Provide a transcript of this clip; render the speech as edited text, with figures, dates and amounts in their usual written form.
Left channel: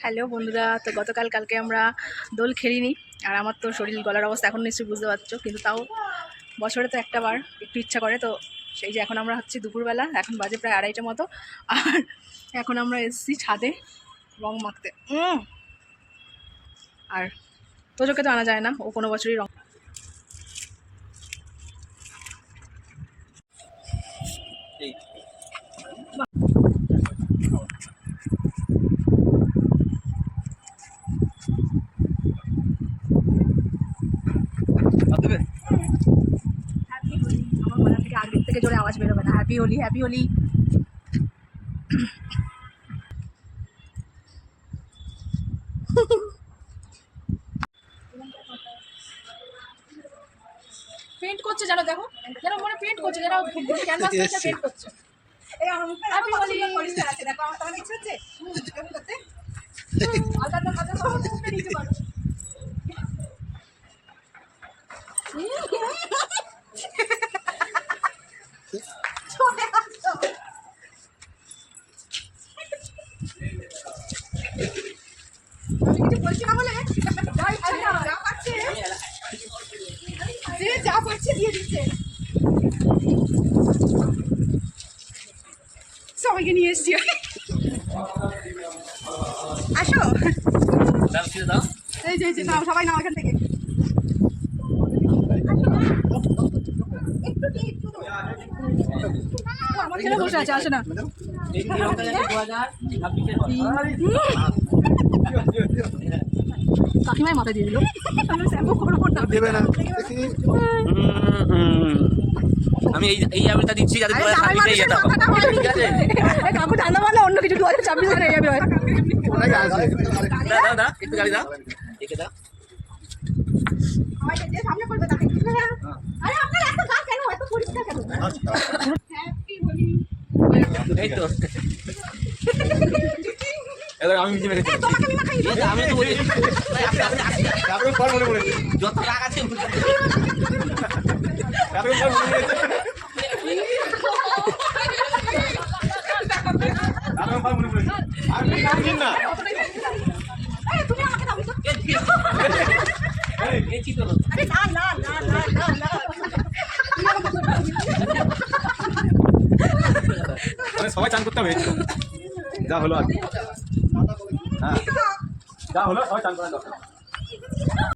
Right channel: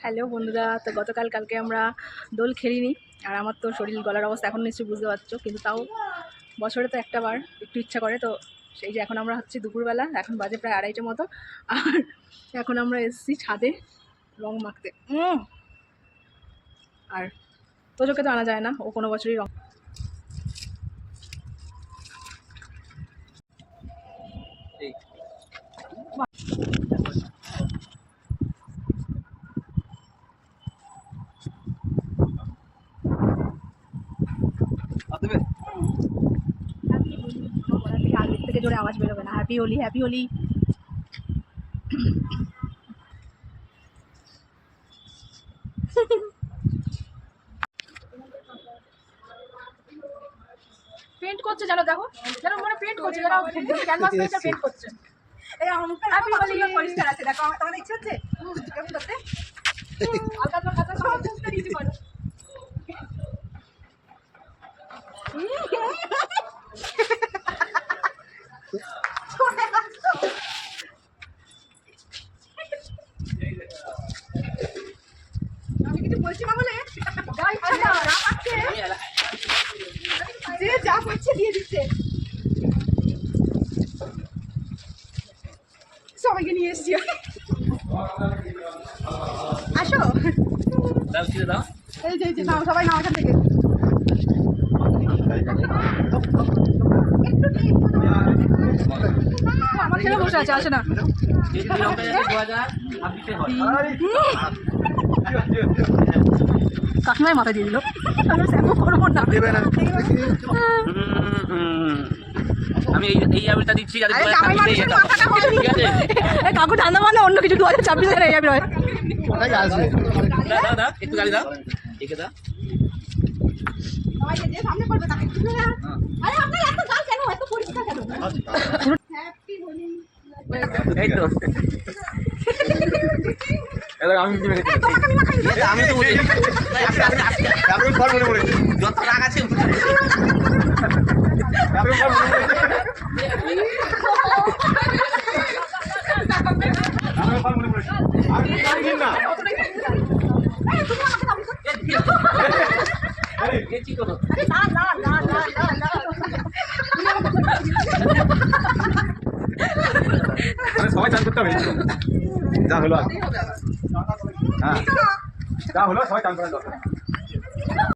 Hello বন্ধুরা, তো কালকে আমরা দোল খেলিনি। আর আমার তো শরীর গলার অবস্থা এখন নিশ্চয়ই বুঝতে পারছো, কিন্তু তাও বছরে তো একটা বার একটু ইচ্ছা করে। তো সেই যে এখন আমরা হচ্ছে দুপুরবেলা, এখন বাজে প্রায় 2:30টার মতো। আর এখন আমরা এসেছি ছাদে রং মাখতে। আর তোজোকে তো আনা যায় না, ও কোনো বছরই রং আগের থেকে জোরে আওয়াজ বেরোবে না। Happy Holi, happy Holi. Paint করছে জানো, দেখো যেন মনে পেন্ট করছে, যেন ক্যানভাস পেইন্টটা পেন্ট করছে। এই আমার মুখে হ্যাপি হোলি পরিষ্কার আছে, দেখো তোমার ইচ্ছে হচ্ছে কেমন করতে। আলতা কথা সব মুখে নিচে করো। আমি কিছু বলছি না বলে যে যা পাচ্ছে দিয়ে দিচ্ছে। সবাইকে নিয়ে এসছি। আসো এই যে নাও, সবাই নাও এখান থেকে। আমার ছেলে বসে আছে, আসে না। কাকিমায় মাথা দিয়ে দিল, করবো না। আমি এই আবিরটা দিচ্ছি কাকু ঠান্ডা মানে অন্য কিছু 2026 এই আবির হয়। একটু গাড়ি দাও, একে দাও। এই তো আমি যত রাগ আছে সবাই চান করতে হবে, যা হলো আর হ্যাঁ যা হলো সবাই চান করার দরকার।